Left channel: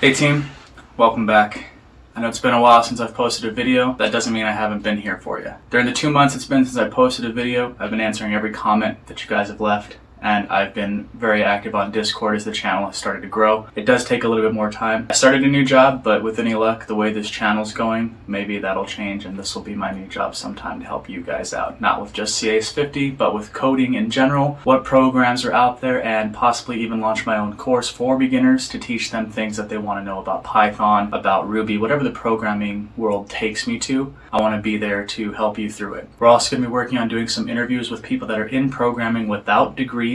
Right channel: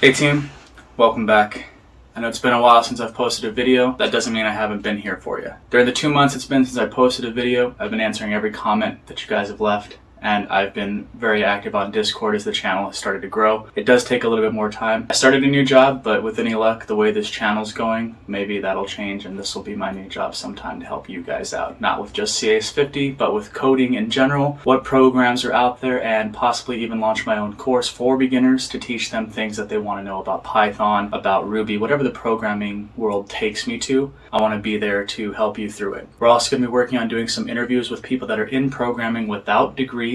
Hey team, welcome back. I know it's been a while since I've posted a video. That doesn't mean I haven't been here for you. During the 2 months it's been since I posted a video, I've been answering every comment that you guys have left, and I've been very active on Discord as the channel has started to grow. It does take a little bit more time. I started a new job, but with any luck, the way this channel's going, maybe that'll change and this will be my new job sometime to help you guys out. Not with just CS50, but with coding in general, what programs are out there, and possibly even launch my own course for beginners to teach them things that they want to know about Python, about Ruby, whatever the programming world takes me to. I want to be there to help you through it. We're also going to be working on doing some interviews with people that are in programming without degrees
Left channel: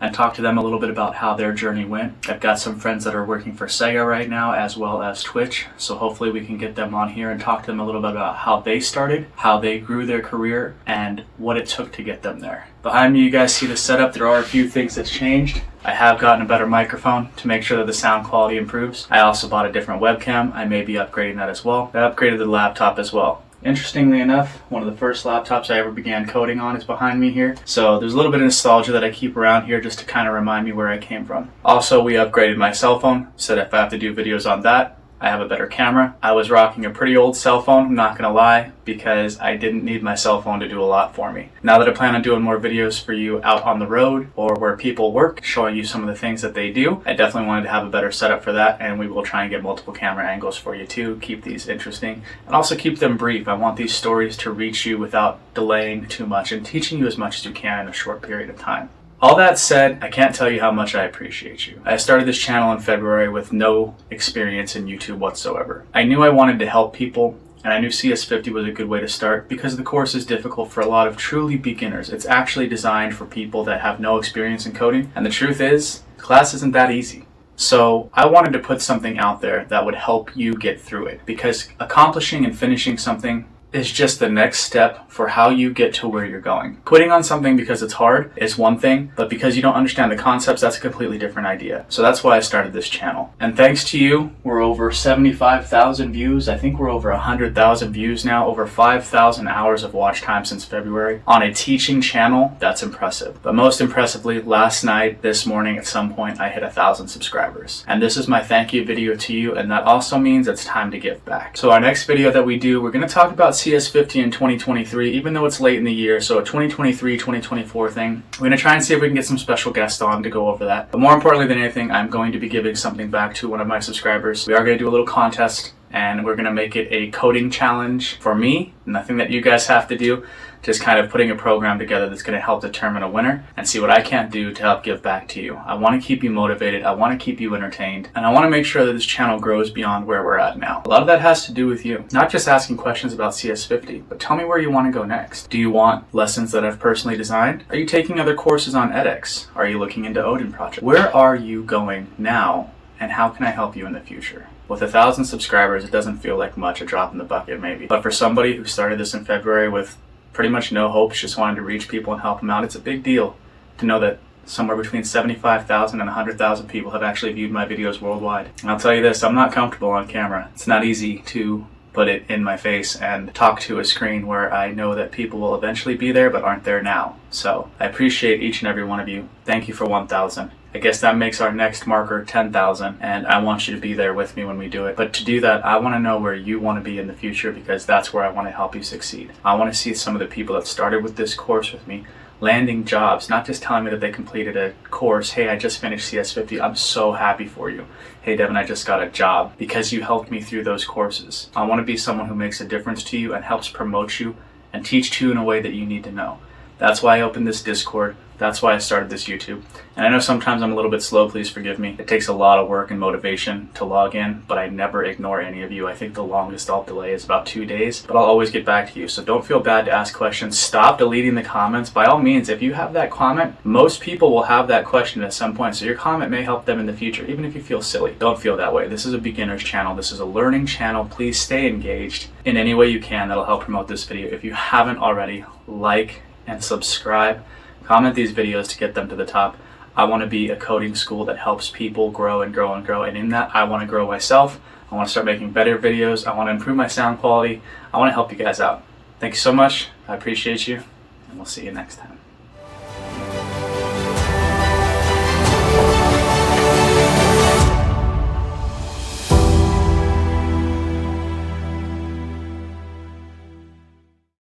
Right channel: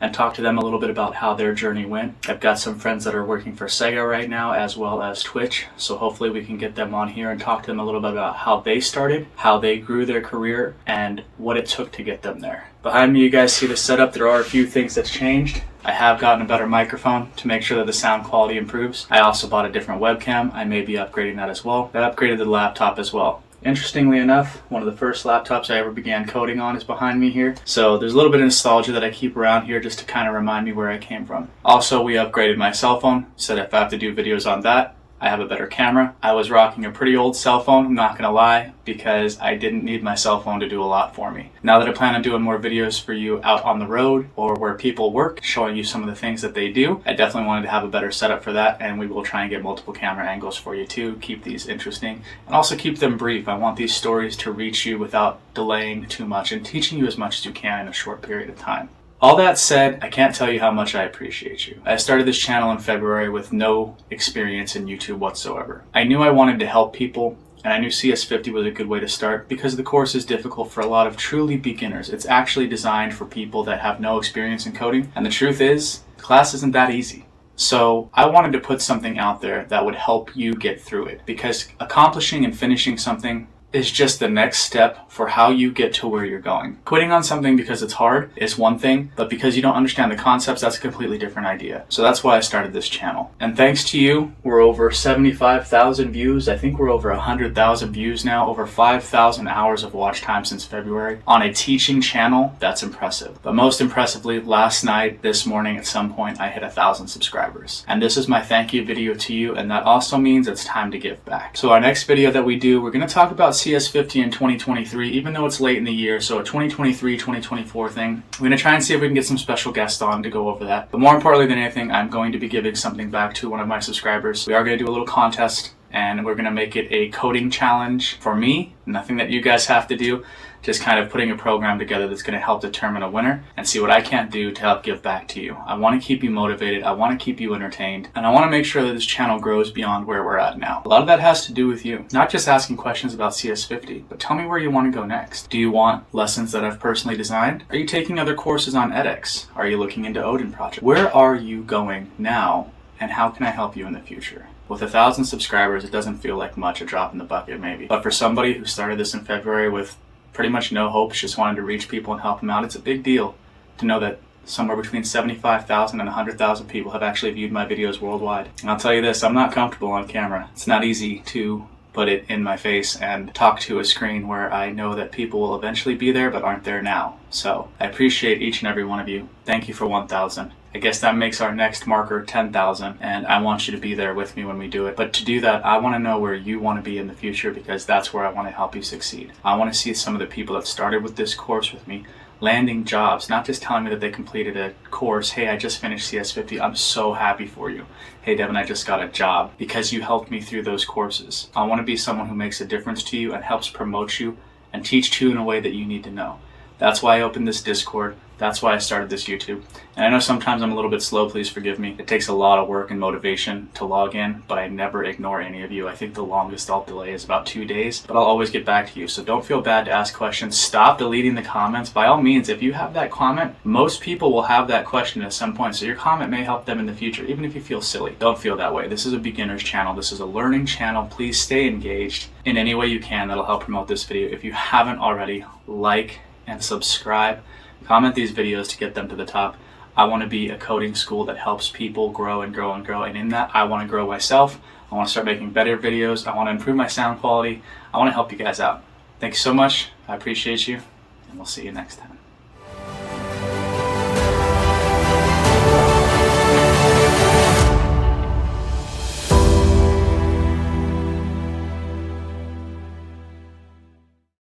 and talk to them a little bit about how their journey went. I've got some friends that are working for Sega right now as well as Twitch, so hopefully we can get them on here and talk to them a little bit about how they started, how they grew their career, and what it took to get them there. Behind me you guys see the setup. There are a few things that's changed. I have gotten a better microphone to make sure that the sound quality improves. I also bought a different webcam. I may be upgrading that as well. I upgraded the laptop as well. Interestingly enough, one of the first laptops I ever began coding on is behind me here. So there's a little bit of nostalgia that I keep around here just to kind of remind me where I came from. Also, we upgraded my cell phone, so that if I have to do videos on that, I have a better camera. I was rocking a pretty old cell phone, I'm not gonna lie, because I didn't need my cell phone to do a lot for me. Now that I plan on doing more videos for you out on the road or where people work, showing you some of the things that they do, I definitely wanted to have a better setup for that, and we will try and get multiple camera angles for you too, keep these interesting, and also keep them brief. I want these stories to reach you without delaying too much and teaching you as much as you can in a short period of time. All that said, I can't tell you how much I appreciate you. I started this channel in February with no experience in YouTube whatsoever. I knew I wanted to help people, and I knew CS50 was a good way to start because the course is difficult for a lot of truly beginners. It's actually designed for people that have no experience in coding, and the truth is, the class isn't that easy. So I wanted to put something out there that would help you get through it, because accomplishing and finishing something is just the next step for how you get to where you're going. Quitting on something because it's hard is one thing, but because you don't understand the concepts, that's a completely different idea. So that's why I started this channel. And thanks to you, we're over 75,000 views. I think we're over 100,000 views now, over 5,000 hours of watch time since February. On a teaching channel, that's impressive. But most impressively, last night, this morning, at some point, I hit 1,000 subscribers. And this is my thank you video to you, and that also means it's time to give back. So our next video that we do, we're gonna talk about CS50 in 2023, even though it's late in the year, so a 2023-2024 thing. We're going to try and see if we can get some special guests on to go over that. But more importantly than anything, I'm going to be giving something back to one of my subscribers. We are going to do a little contest, and we're going to make it a coding challenge for me. Nothing that you guys have to do, just kind of putting a program together that's going to help determine a winner and see what I can't do to help give back to you. I want to keep you motivated, I want to keep you entertained, and I want to make sure that this channel grows beyond where we're at now. A lot of that has to do with you. Not just asking questions about CS50, but tell me where you want to go next. Do you want lessons that I've personally designed? Are you taking other courses on edX? Are you looking into Odin project? Where are you going now, and how can I help you in the future? With 1,000 subscribers, it doesn't feel like much, a drop in the bucket maybe. But for somebody who started this in February with pretty much no hopes, just wanted to reach people and help them out, it's a big deal to know that somewhere between 75,000 and 100,000 people have actually viewed my videos worldwide. And I'll tell you this, I'm not comfortable on camera. It's not easy to put it in my face and talk to a screen where I know that people will eventually be there but aren't there now. So I appreciate each and every one of you. Thank you for 1,000. I guess that makes our next marker 10,000, and I want you to be there with me when we do it. But to do that, I want to know where you want to be in the future, because that's where I want to help you succeed. I want to see some of the people that started with this course with me landing jobs, not just telling me that they completed a course. Hey, I just finished CS50. I'm so happy for you. Hey, Devin, I just got a job because you helped me through those courses. I want to be someone who makes a difference to you and helps promote you and teach you in a way that you need to know. That's why I opened this Discord. That's why I started this YouTube. And I know sometimes I'm a little bit slow, please forgive me. It takes a lot of work and motivation to log in, but I never ignore any of you. I think the longest I'll delay is about 2 days, but I'll always get back to you. So don't feel bad to ask questions. Stop deleting the comments. By all means, if you have that comment, most people will have that question at some point, so your comment may help them in the future, even if you feel silly. Don't feel that way. This is a beginner's channel. This is a learning channel. Please stay engaged in any way you can. That'll help promote this video. If you haven't already, like and subscribe. Comment these videos to get them to the top. I want to be a coding school that helps people grow and grow and grow, and in that I want to grow myself. I want to start making better videos. I want to improve my sound quality. I want to help you guys out. Thank you so much. I appreciate you, and we'll see you next time.